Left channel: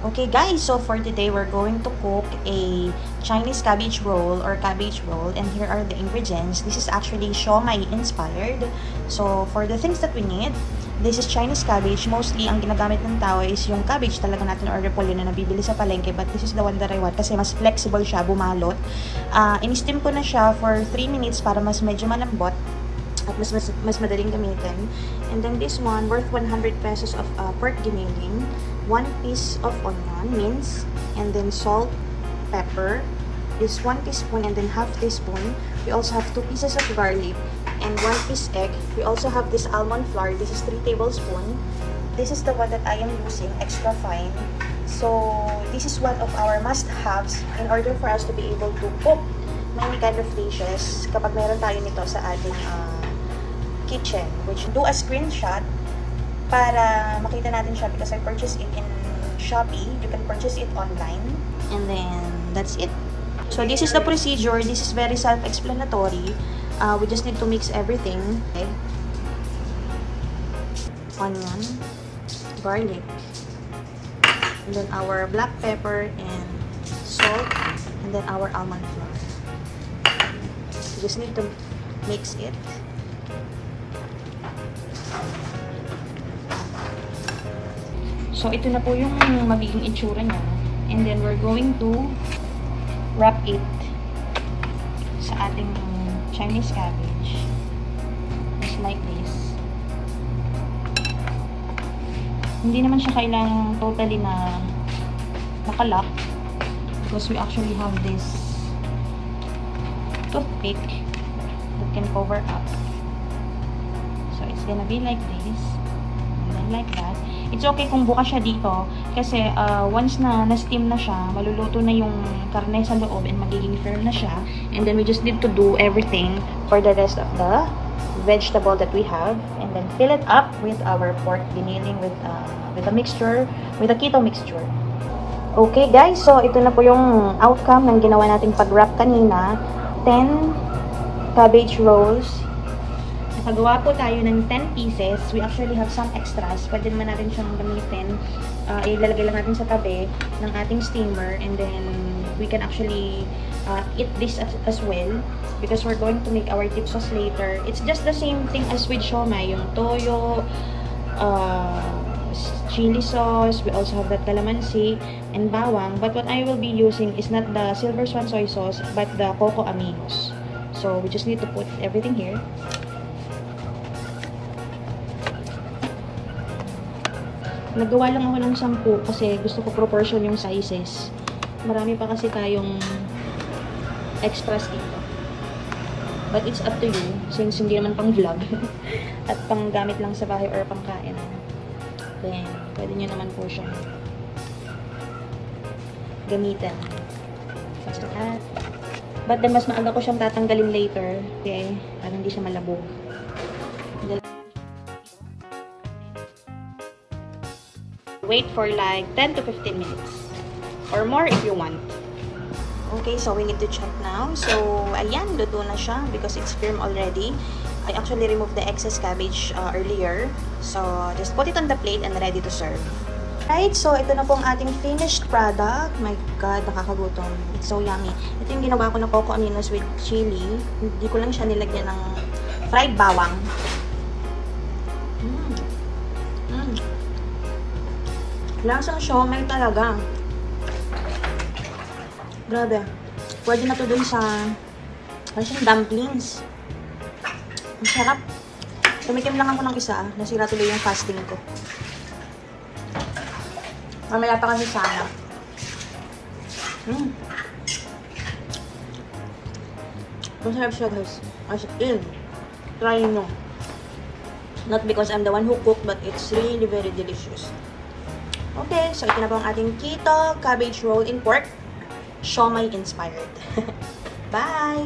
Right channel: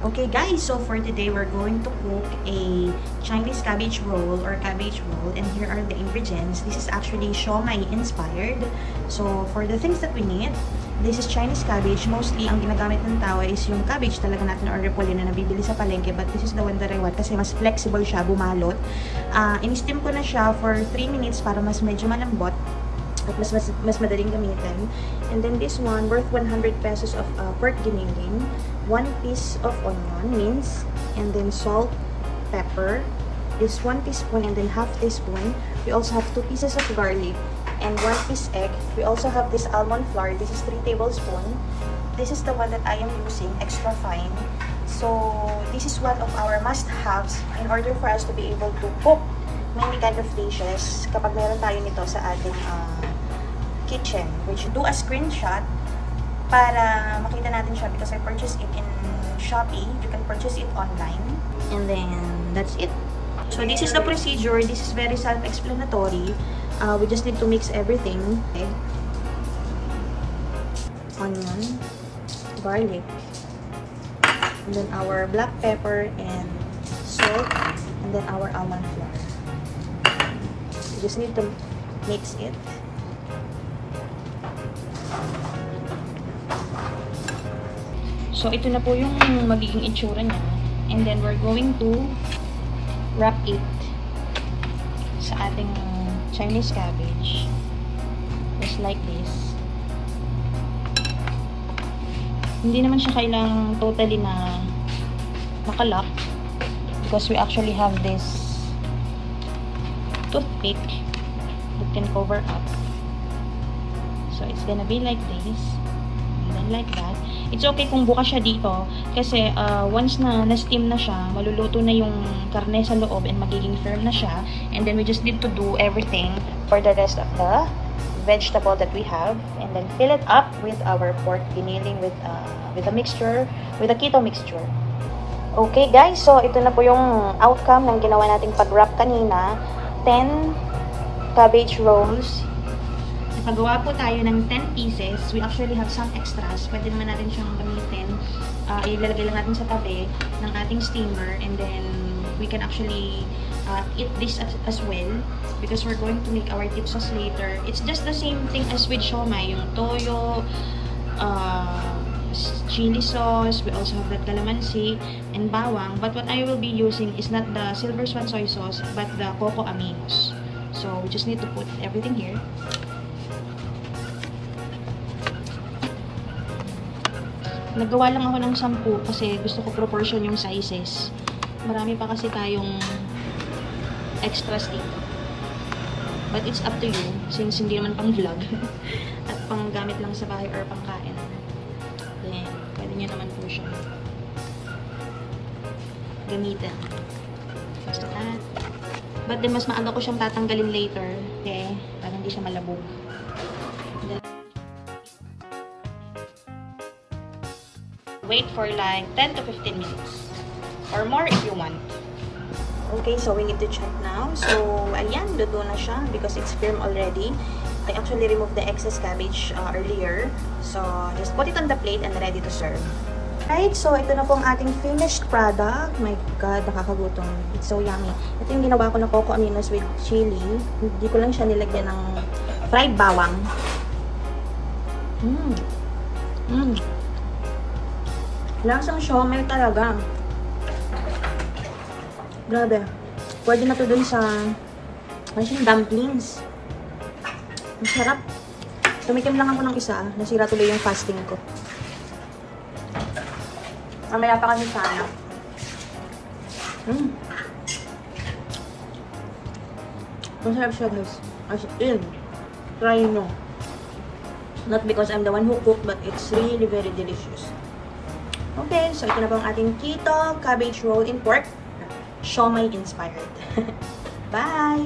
Okay guys, so for today we're going to cook a Chinese cabbage roll or cabbage roll, and here are the ingredients. This is actually siomai inspired. So for the things that we need, this is Chinese cabbage. Mostly ang ginagamit ng tao is yung cabbage talaga natin or repolyo na nabibili sa palengke, but this is the one that I want kasi mas flexible siya, bumalot. In-steam ko na siya for 3 minutes para mas medyo malambot at mas madaling gamitin. And then this one, worth 100 pesos of pork giniling, 1 piece of onion, minced, and then salt, pepper, is 1 teaspoon and then half teaspoon. We also have 2 pieces of garlic and 1 piece egg. We also have this almond flour. This is 3 tablespoons. This is the one that I am using, extra fine. So this is one of our must-haves in order for us to be able to cook many kind of dishes kapag meron tayo nito sa ating kitchen. Which, do a screenshot para makita natin siya because I purchased it in Shopee. You can purchase it online. And then, that's it. So, this is the procedure. This is very self-explanatory. We just need to mix everything. Okay. Onion, garlic, and then our black pepper and salt, and then our almond flour. You just need to mix it. So, ito na po yung magiging itsura niya. And then, we're going to wrap it sa ating Chinese cabbage. Just like this. Hindi naman siya kailangang totally na nakalock because we actually have this toothpick that can cover up. So, it's gonna be like this. And then like that. It's okay kung buka siya dito kasi once na na-steam na siya, maluluto na yung karne sa loob and magiging firm na siya. And then we just need to do everything for the rest of the vegetable that we have. And then fill it up with our pork giniling with a mixture, with a keto mixture. Okay guys, so ito na po yung outcome ng ginawa natin pag-wrap kanina. 10 cabbage rolls. Nakagawa po tayo ng 10 pieces. We actually have some extras. Pwede naman natin siyang gamitin. Ilalagay lang natin sa tabi ng ating steamer. And then, we can actually eat this as well. Because we're going to make our dip sauce later. It's just the same thing as with siomai. Yung toyo, chili sauce. We also have that calamansi and bawang. But what I will be using is not the Silver Swan soy sauce, but the coco aminos. So, we just need to put everything here. Nagawa lang ako ng 10 kasi gusto ko proportion yung sizes. Marami pa kasi tayong extras dito. But it's up to you since hindi naman pang vlog at pang gamit lang sa bahay or pang kain. Then, pwede nyo naman po siya gamitin. Basta at. But then, mas maaga ko siyang tatanggalin later. Okay? Para hindi siya malabog. Wait for like 10 to 15 minutes or more if you want. Okay, so we need to check now. So, ayan, luto na siya because it's firm already. I actually removed the excess cabbage earlier. So, just put it on the plate and ready to serve. Right, so ito na po ang ating finished product. My God, nakakagutom. It's so yummy. Ito yung ginawa ko na coco aminos with chili. Hindi ko lang siya nilagyan ng fried bawang. Lasang siomai talaga. Grabe. Pwede na to dun sa dumplings. Ang sarap. Tumikim lang ako ng isa. Nasira tuloy yung fasting ko. Mamaya pa kasi sana. Masarap siya guys. As in. Try nyo. Not because I'm the one who cooked, but it's really very delicious. Okay, so ito na po ang ating keto cabbage roll in pork. Siomai inspired. Bye!